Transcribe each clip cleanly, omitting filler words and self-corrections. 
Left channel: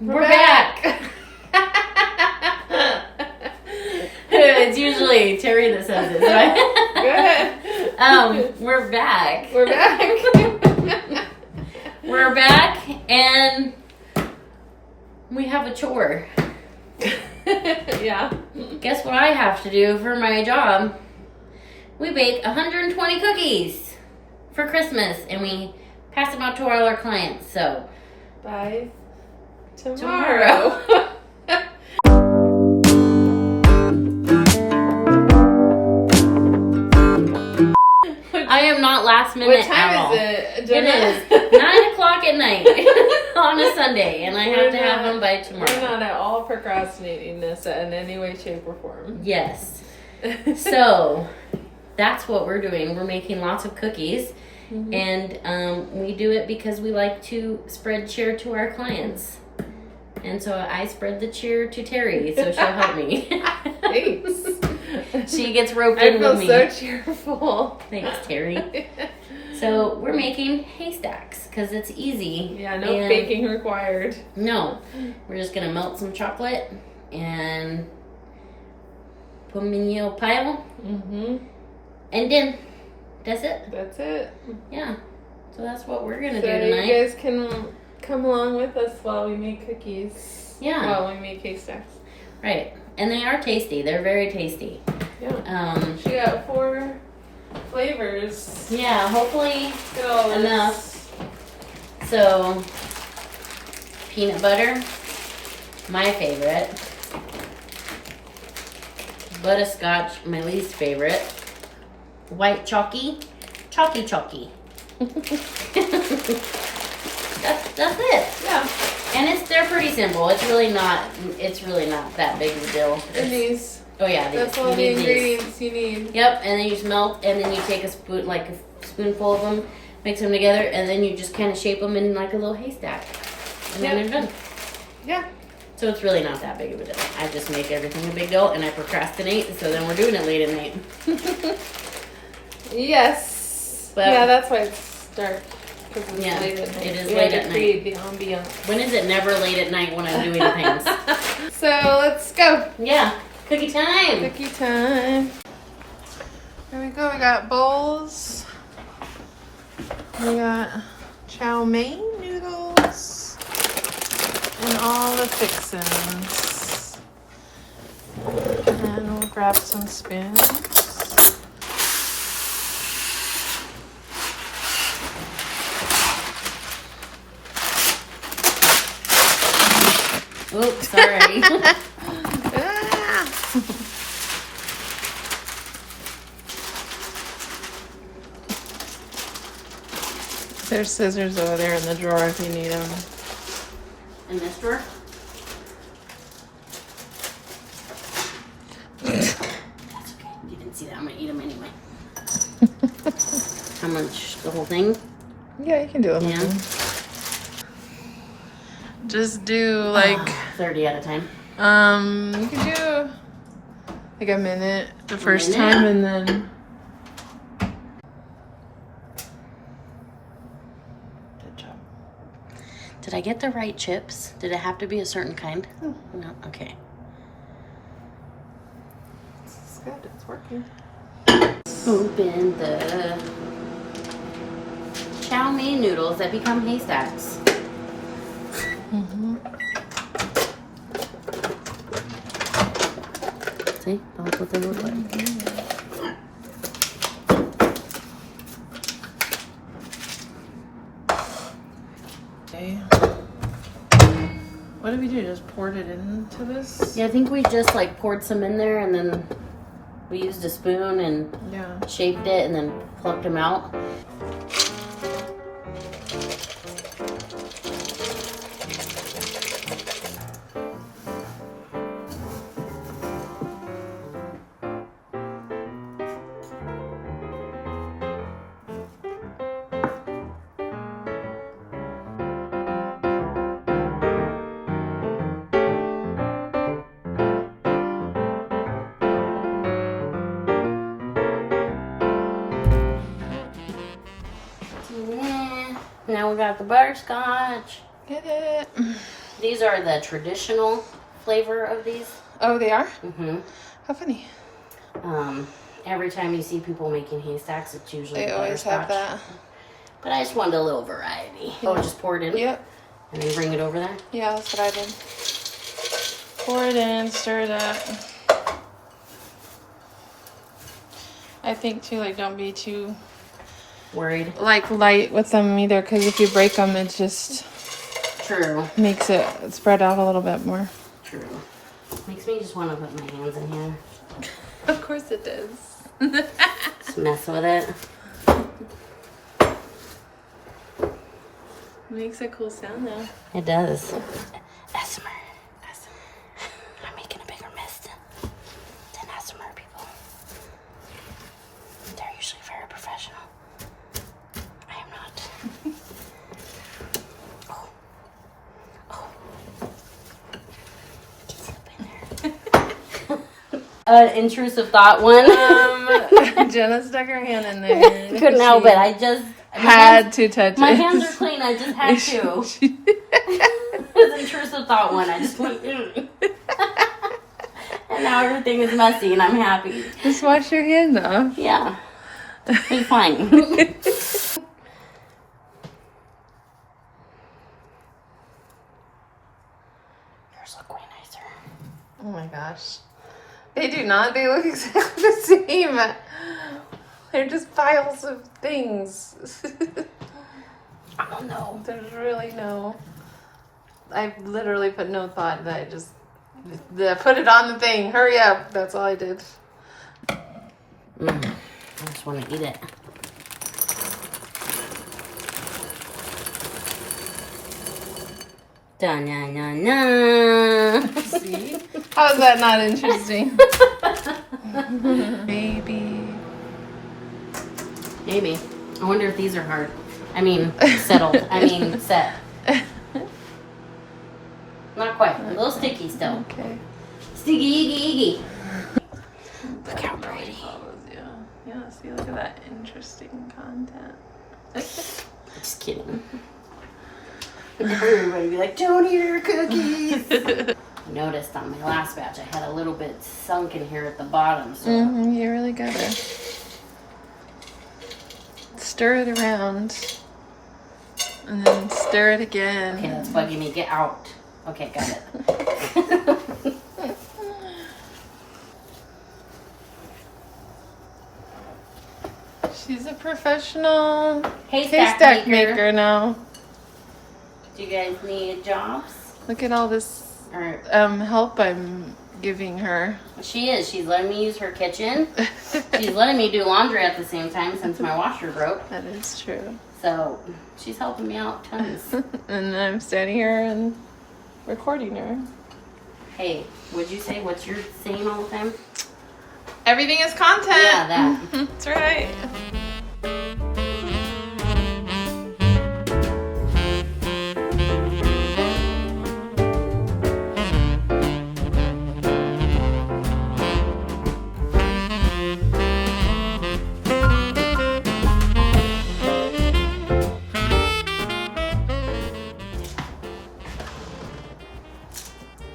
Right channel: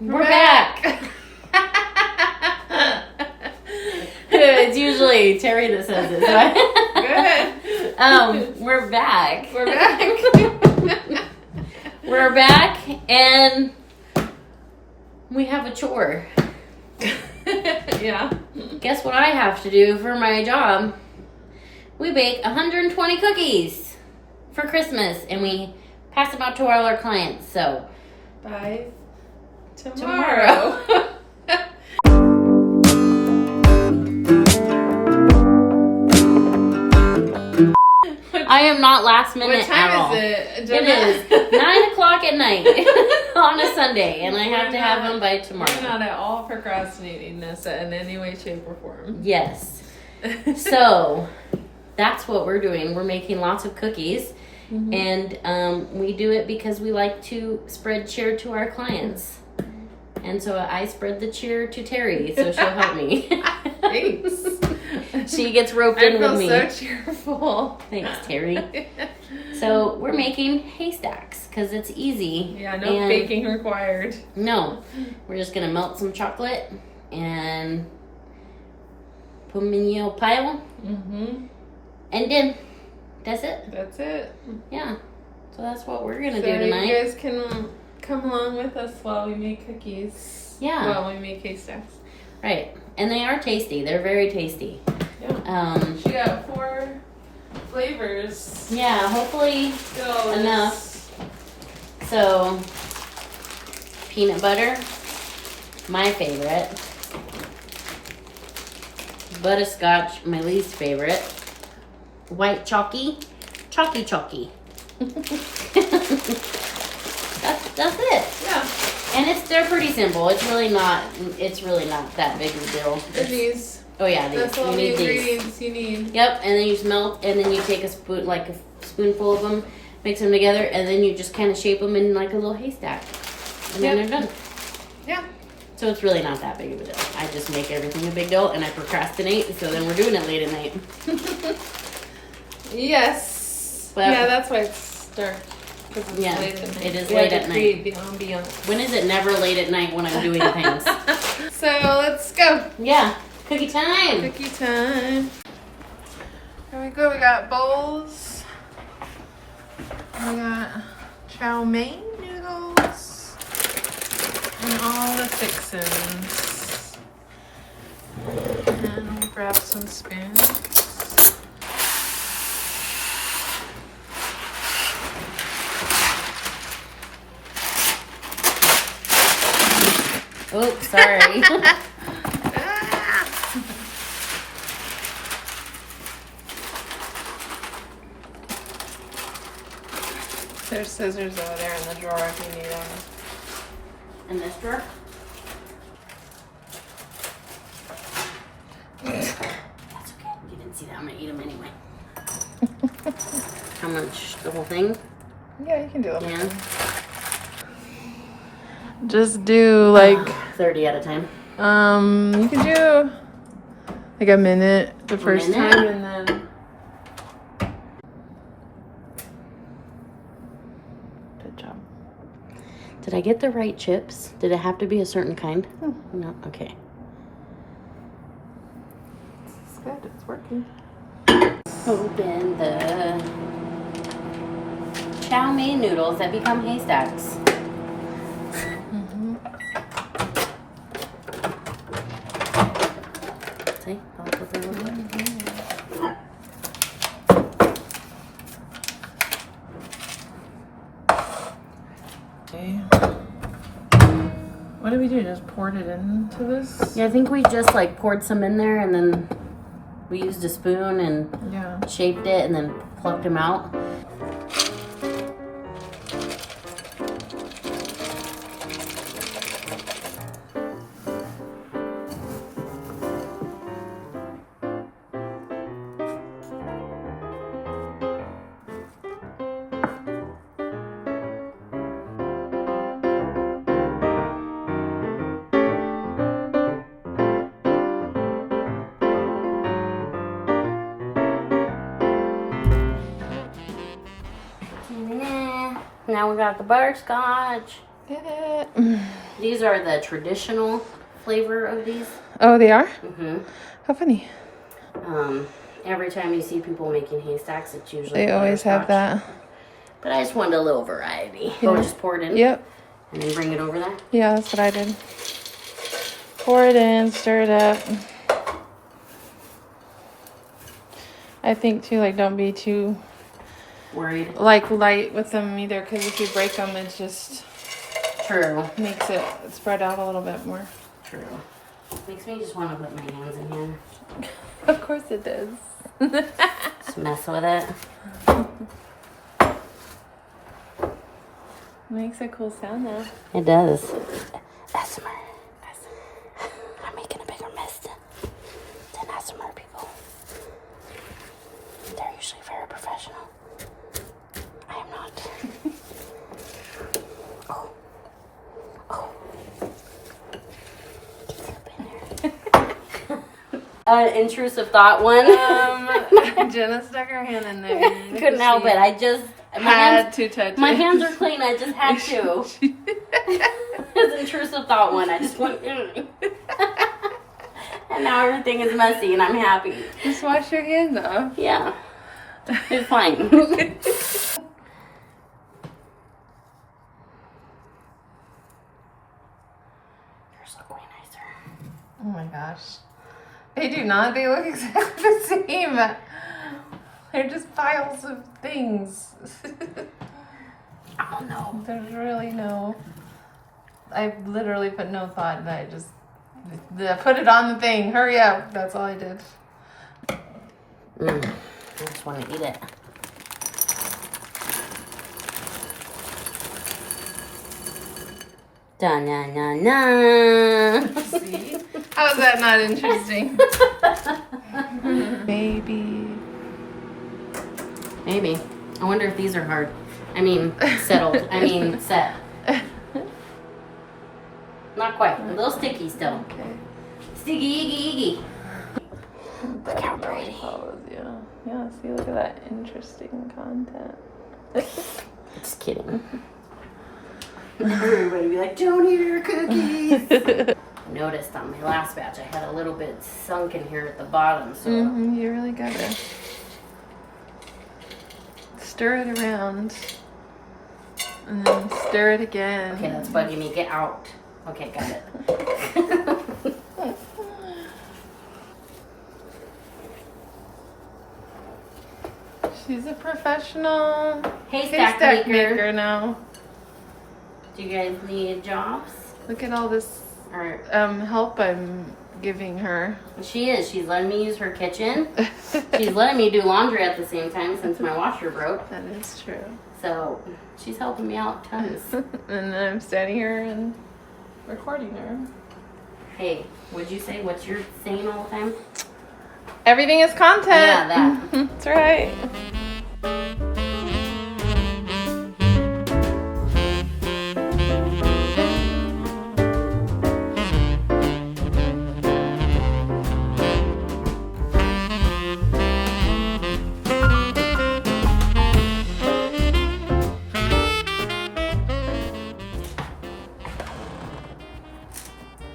We're back. It's usually Terry that says it. So Go ahead. We're back. We're back. We're back, and we have a chore. Yeah. Guess what I have to do for my job? We bake 120 cookies for Christmas, and we pass them out to all our clients. So By tomorrow. I am not last minute What time at all. is it, It Jenna? is 9 o'clock at night on a Sunday, and I have to have them by tomorrow. We're not at all procrastinating this in any way, shape, or form. Yes. So that's what we're doing. We're making lots of cookies, and we do it because we like to spread cheer to our clients. And so I spread the cheer to Terry, so she'll help me. Thanks. She gets roped I in feel with me. so cheerful. Thanks, Terry. So we're making haystacks because it's easy. Yeah, no and baking required. No, we're just gonna melt some chocolate and put them in your pile, and then that's it. That's it. Yeah. So that's what we're gonna So do tonight. you guys can come along with us while we make cookies. Yeah. While we make haystacks. Right, and they are tasty. They're very tasty. Yeah. She got 4 flavors. Yeah. Hopefully So enough. So peanut butter, my favorite. Butterscotch, my least favorite. White chalky. That's it. Yeah. And they're pretty simple. It's really not that big of a deal. And these. Oh yeah, That's we all the need these. ingredients you need. Yep, and then you just melt, and then you take a spoonful of them, mix them together, and then you just kind of shape them in like a little haystack, and then they're done. Yeah. So it's really not that big of a deal. I just make everything a big deal, and I procrastinate, so then we're doing it late at night. Yes. But- yeah, that's why it's dark. Because it's Yeah, late at night. it is We late had at to create the ambiance. When is it never late at night when I'm doing things? So let's go. Yeah, cookie time. Cookie time. Here we go. We got bowls. We got chow mein noodles. And all the fixins. And we'll grab some spoons. Oops, sorry. There's scissors over there in the drawer if you need them. In this drawer? That's okay. You can see that. I'm going to eat them anyway. How much? The whole thing? Yeah, you can do it. Yeah. Just do like 30 at a time. you can do like a minute the first minute? time and then good job. Did I get the right chips? Did it have to be a certain kind? No? Okay. It's good, it's working. Open the chow mein noodles that become haystacks. See? Both of them are good. Okay. What did we do? Just poured it into this? Yeah, I think we just like poured some in there and then we used a spoon and Yeah. shaped it and then plucked them out. Now we got the butterscotch. Get it. These are the traditional flavor of these. Oh, they are? Mm-hmm. How funny. Every time you see people making haystacks, it's usually They always have that. But I just wanted a little variety. Yeah. Or just pour it in. Yep. And then bring it over there. Yeah, that's what I did. Pour it in, stir it up. I think too, like, don't be too Worried. like light with them either, because if you break them, it just True. makes it spread out a little bit more. True. Makes me just want to put my hands in here. Of course it does. Just mess with it. Makes a cool sound though. It does. ASMR. I'm making a bigger mess than ASMR people. They're usually very professional. I am not. Oh. Get up in there. Intrusive thought one. Jenna stuck her hand in there. Couldn't help it. I just had to touch my it. hands are clean. I just had to. It's intrusive thought one. I just went. And now everything is messy, and I'm happy. Just wash your hand off. Yeah, it's fine. Yours look way nicer. Oh my gosh. They do not. They look exactly the same. They're just piles of things. I don't know. There's really no... I literally put no thought that I just... put it on the thing. Hurry up. That's all I did. I just want to eat it. Da-na-na-na. See? How's that not interesting? Maybe. I wonder if these are hard. I mean, settled. I mean, set. Not quite. A little sticky still. Okay. Sticky, iggy, iggy. Look how pretty. Yeah, see, look at that interesting content. Just kidding. Everybody be like, don't eat your cookies. I noticed on my last batch I had a little bit sunk in here at the bottom. So You really gotta stir it around. And then stir it again. okay, that's bugging me. Get out. Okay, got it. She's a professional Haystack maker now. Do you guys need jobs? Look at all this Or help I'm giving her. she is. She's letting me use her kitchen. She's letting me do laundry at the same time since my washer broke. That is true. So she's helping me out tons. And I'm standing here and recording her. Hey, what'd you say? What's your saying all the time? Everything is content. Yeah, that. That's right.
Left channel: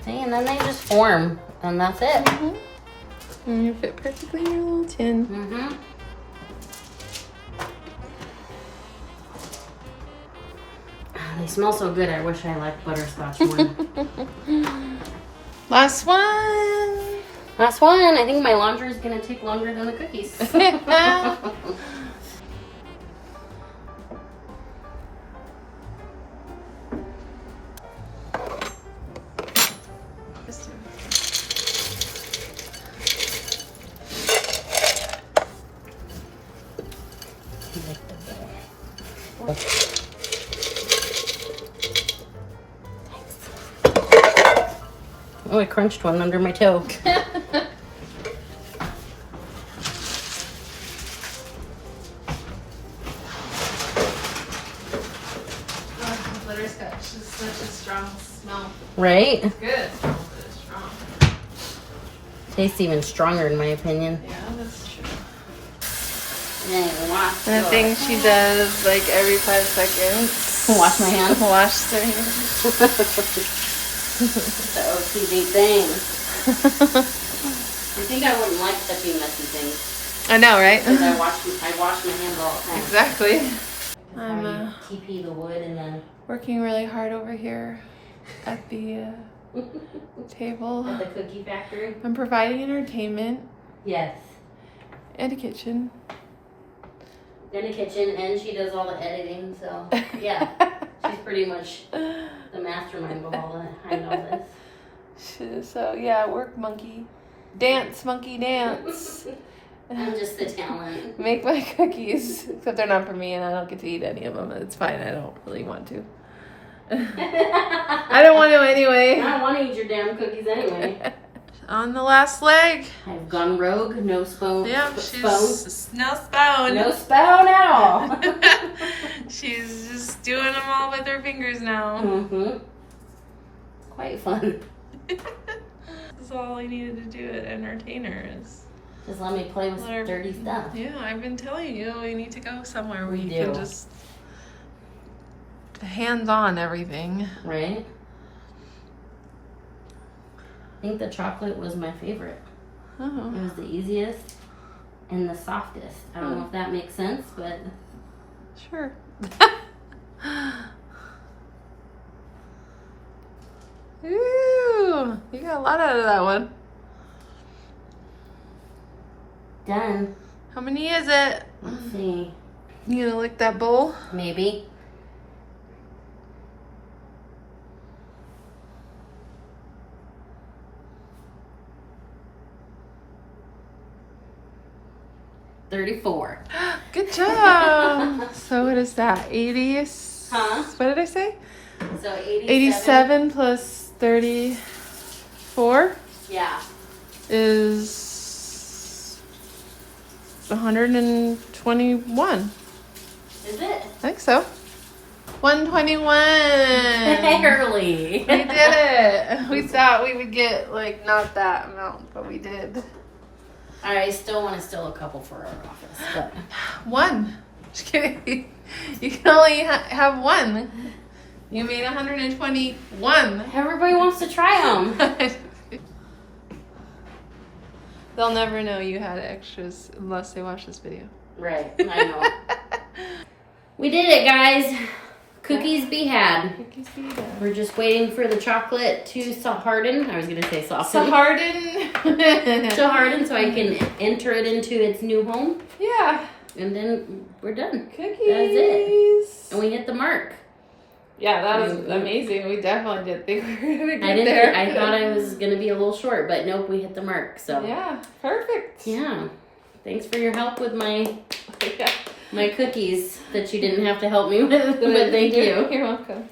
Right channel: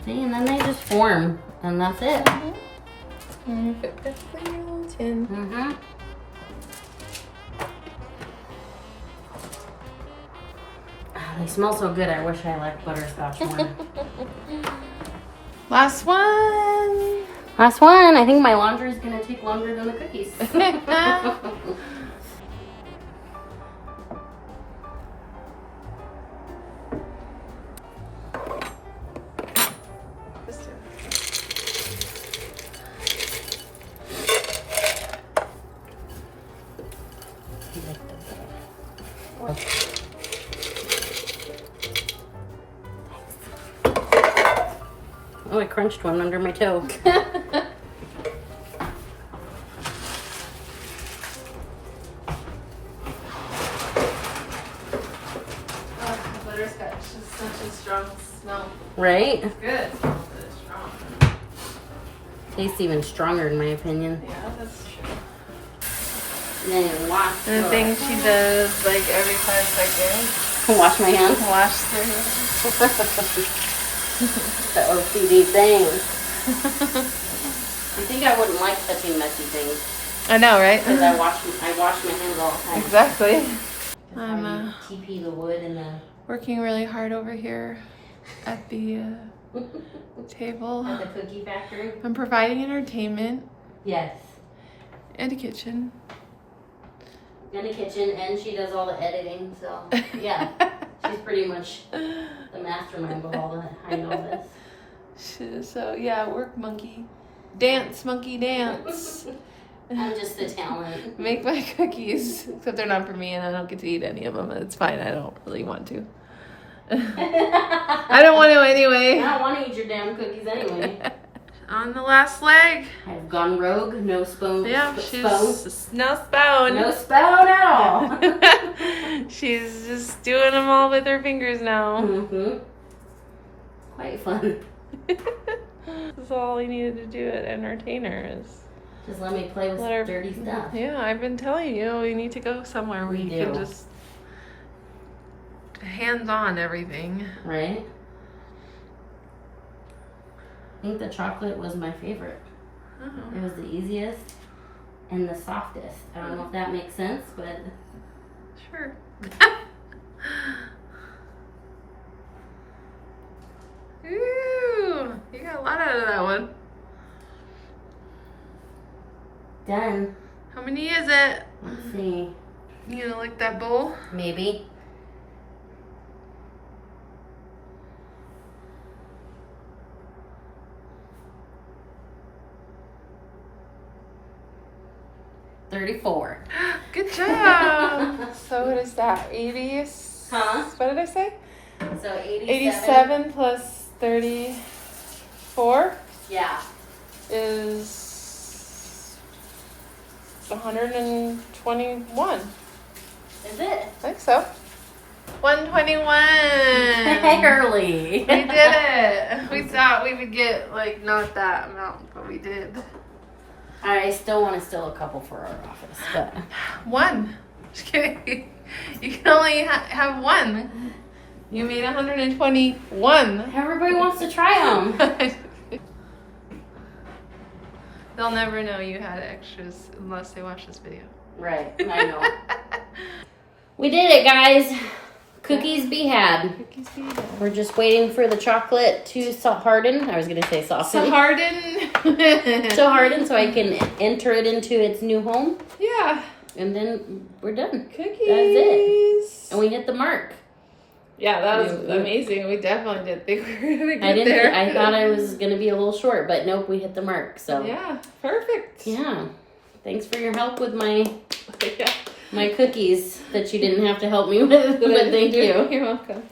Hey, and then they just form, and that's it. And you fit perfectly in your little tin. Mm-hmm. They smell so good. I wish I liked butterscotch more. Last one. Last one. I think my laundry is gonna take longer than the cookies. Oh, I crunched one under my toe. Butterscotch is such a strong smell. Right? It's good. It smells good, strong. Tastes even stronger in my opinion. Yeah, that's true. And then the last And the thing she does like every 5 seconds Wash my hands. Wash their hands. The OCD thing. I think I wouldn't like touching messy things. I know, right? Because I wash my hands all the time. Exactly. I'm TP the wood and then working really hard over here at the table. at the cookie factory. I'm providing entertainment. Yes. And a kitchen. In the kitchen, and she does all the editing, so yeah. She's pretty much the mastermind behind all this. So yeah, work monkey. Dance monkey dance. I'm just a talent. Make my cookies, except they're not for me and I don't get to eat any of them. It's fine, I don't really want to. I don't want to anyway. I don't want to eat your damn cookies anyway. On the last leg. I've gone rogue, no spoon. Yeah, she's no spoon. No spoon at all. She's just doing them all with her fingers now. Mm-hmm. Quite fun. That's all I needed to do at Entertainers. Just let me play with dirty stuff. Yeah, I've been telling you, we need to go somewhere where you can just hands-on everything. Right? I think the chocolate was my favorite. Oh. It was the easiest and the softest. I don't know if that makes sense, but... Sure. Ooh, you got a lot out of that one. Done. How many is it? Let's see. You gonna lick that bowl? Maybe. $34. Good job. So what is that? 80? Huh? What did I say? So 87 plus 34 Yeah. is 121. Is it? I think so. 121. Barely. We did it. We thought we would get like not that amount, but we did. I still want to steal a couple for our office. But. One. Just kidding. You can only have one. You made 121. Everybody wants to try them. They'll never know you had extras unless they watch this video. Right, I know. We did it, guys. Cookies be had. Cookies be done. We're just waiting for the chocolate to harden. I was going to say soften. To harden. To harden so I can enter it into its new home. Yeah. And then we're done. Cookies. That's it. And we hit the mark. Yeah, that was amazing. We definitely did think we were going to get there. I thought I was going to be a little short, but nope, we hit the mark. So yeah, perfect. Yeah. Thanks for your help with my cookies that you didn't have to help me with. But thank you. You're welcome.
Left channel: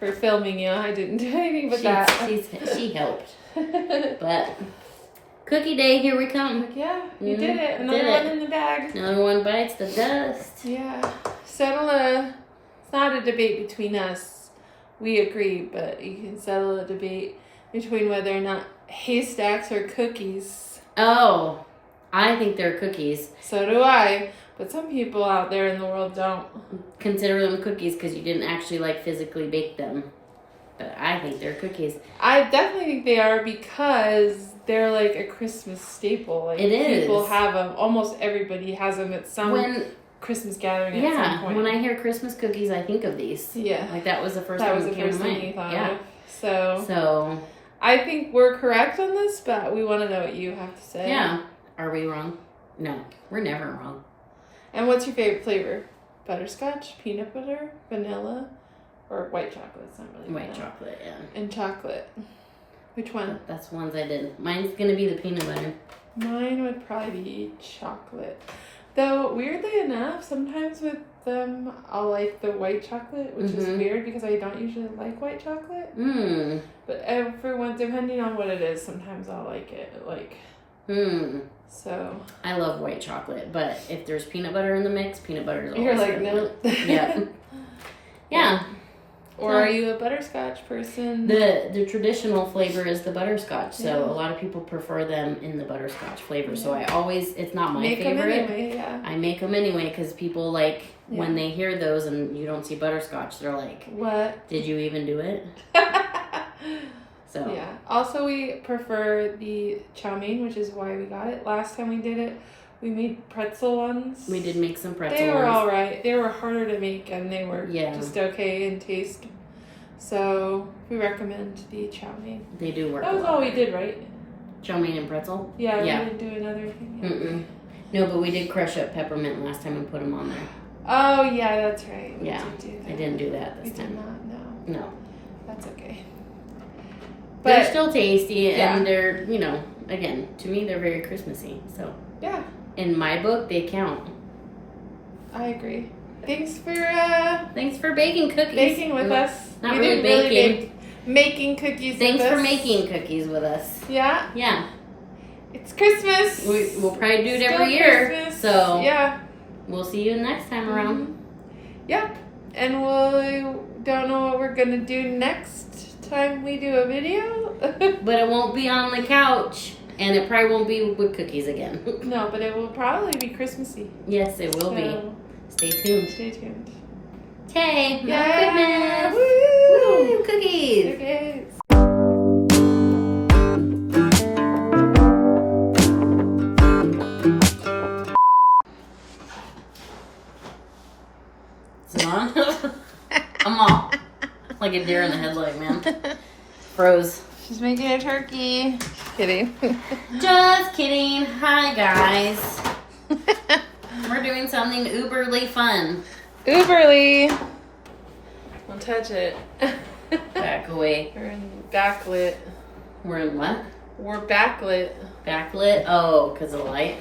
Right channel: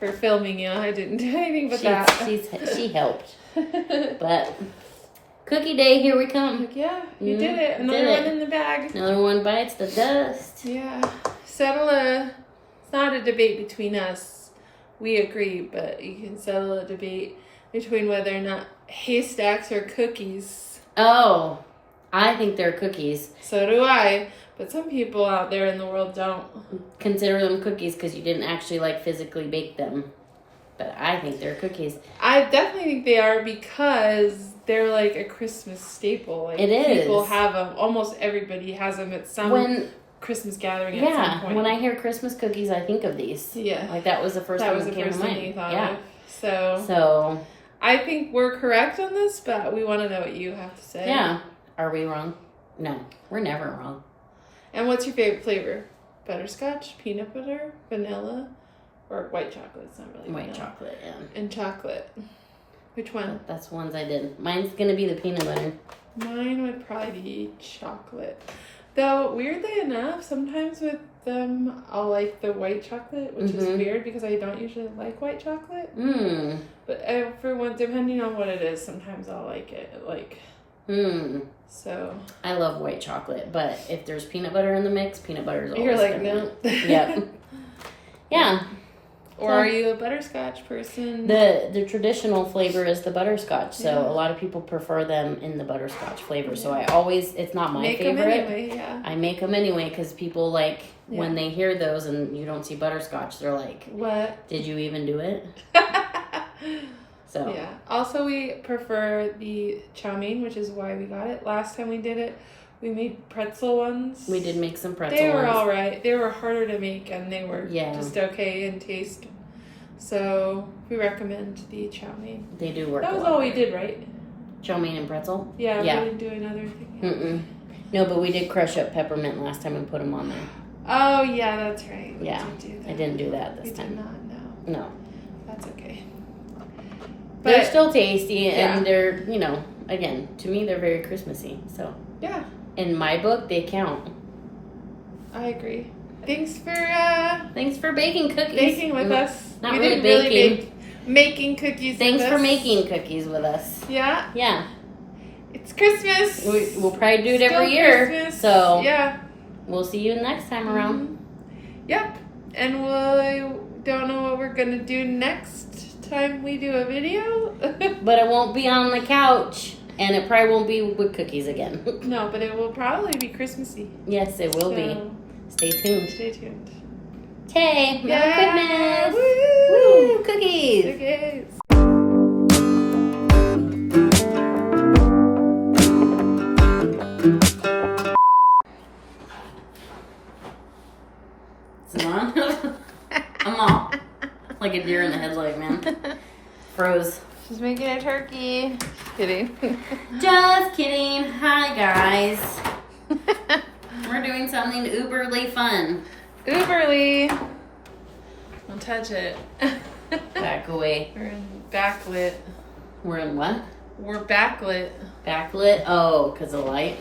For filming you. I didn't do anything but that. She helped. But cookie day, here we come. Yeah, you did it. Another one in the bag. Another one bites the dust. Yeah. Settle it's not a debate between us. We agree, but you can settle a debate between whether or not haystacks are cookies. Oh, I think they're cookies. So do I. But some people out there in the world don't. Consider them cookies because you didn't actually physically bake them. But I think they're cookies. I definitely think they are because they're like a Christmas staple. Like, it is. People have them. Almost everybody has them at some Christmas gathering at some point. When I hear Christmas cookies, I think of these. Yeah. That was the first one that came to mind. You thought of. So So I think we're correct on this, but we want to know what you have to say. Yeah. Are we wrong? No. We're never wrong. And what's your favorite flavor? Butterscotch, peanut butter, vanilla, or white chocolate? It's not really white vanilla. chocolate, yeah. And chocolate. Which one? That's the ones I did. Mine's going to be the peanut butter. Mine would probably be chocolate. Though, weirdly enough, sometimes with them, I'll like the white chocolate, which is weird because I don't usually like white chocolate. Mm. But depending on what it is, sometimes I'll like it. So I love white chocolate, but if there's peanut butter in the mix, peanut butter is always you're like, no. Yep. Yeah. Or are you a butterscotch person? The traditional flavor is the butterscotch, so a lot of people prefer them in the butterscotch flavor. Yeah. So it's not my favorite. Make them anyway, yeah. I make them anyway because people like when they hear those and you don't see butterscotch, they're like, what? Did you even do it? So yeah. Also, we prefer the chow mein, which is why we got it. Last time we did it, we made pretzel ones. we did make some pretzel They were ones. all right. They were harder to make, and they were just okay in taste. So we recommend the chow mein. They do work. That was all we did, right? Chow mein and pretzel. Yeah, Yeah. we didn't do another thing. No, but we did crush up peppermint last time and put them on there. Oh yeah, that's right. We Yeah, did do that. I didn't do that this time. We did not. No. No. That's okay. They're But still tasty, yeah. and they're, again, to me, they're very Christmassy. So, yeah, in my book, they count. I agree. Thanks for baking cookies. baking with us. Not We really didn't baking. bake making cookies Thanks with for us. making cookies with us. Yeah, Yeah. it's Christmas. We'll probably do it Still every year. Christmas. So, yeah. we'll see you next time around. Yep. And we don't know what we're going to do next time we do a video. But it won't be on the couch, and it probably won't be with cookies again. No, but it will probably be Christmassy. Yes, it will be. So, Stay tuned. stay tuned. Hey, Merry Yeah. Christmas! Woo! Woo! Cookies! Okay. Is it on? I'm all like a deer in the headlight, man. Froze. She's making a turkey. Kidding. Just kidding. Hi, guys. We're doing something uberly fun. Uberly. Don't touch it. Back away. We're in backlit. We're in what? We're backlit. Backlit? Oh, because of light.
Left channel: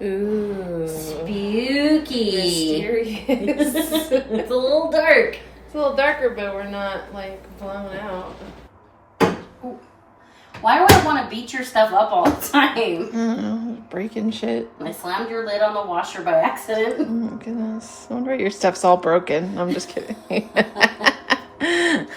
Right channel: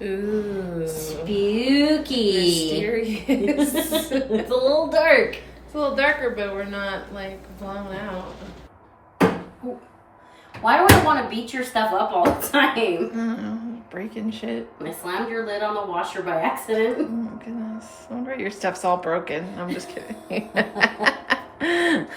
Ooh. Spooky. Mysterious. It's a little dark. It's a little darker, but we're not like blown out. Why do I want to beat your stuff up all the time? I don't know, breaking shit. I slammed your lid on the washer by accident. Oh my goodness. I wonder your stuff's all broken. I'm just kidding. For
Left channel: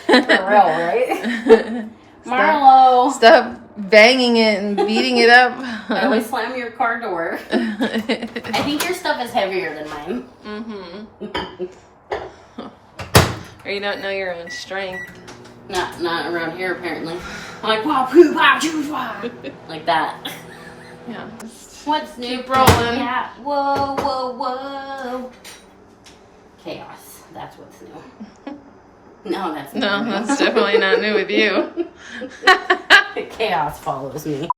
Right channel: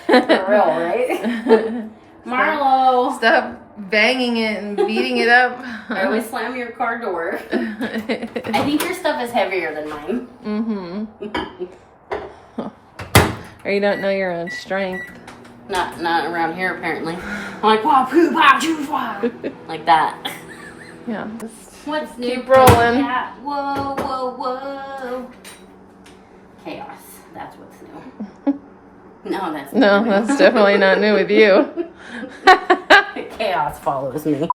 real, right? Marlo. Stop banging it and beating it up. I always slam your car door. I think your stuff is heavier than mine. Or you don't know your own strength. Not around here, apparently. I'm like, wow, poo, wow, choo, wow. Like that. Yeah. What's new? Keep rolling. Yeah. Whoa, whoa, whoa. Chaos. That's what's new. No, that's not new. No, that's definitely not new with you. Chaos follows me.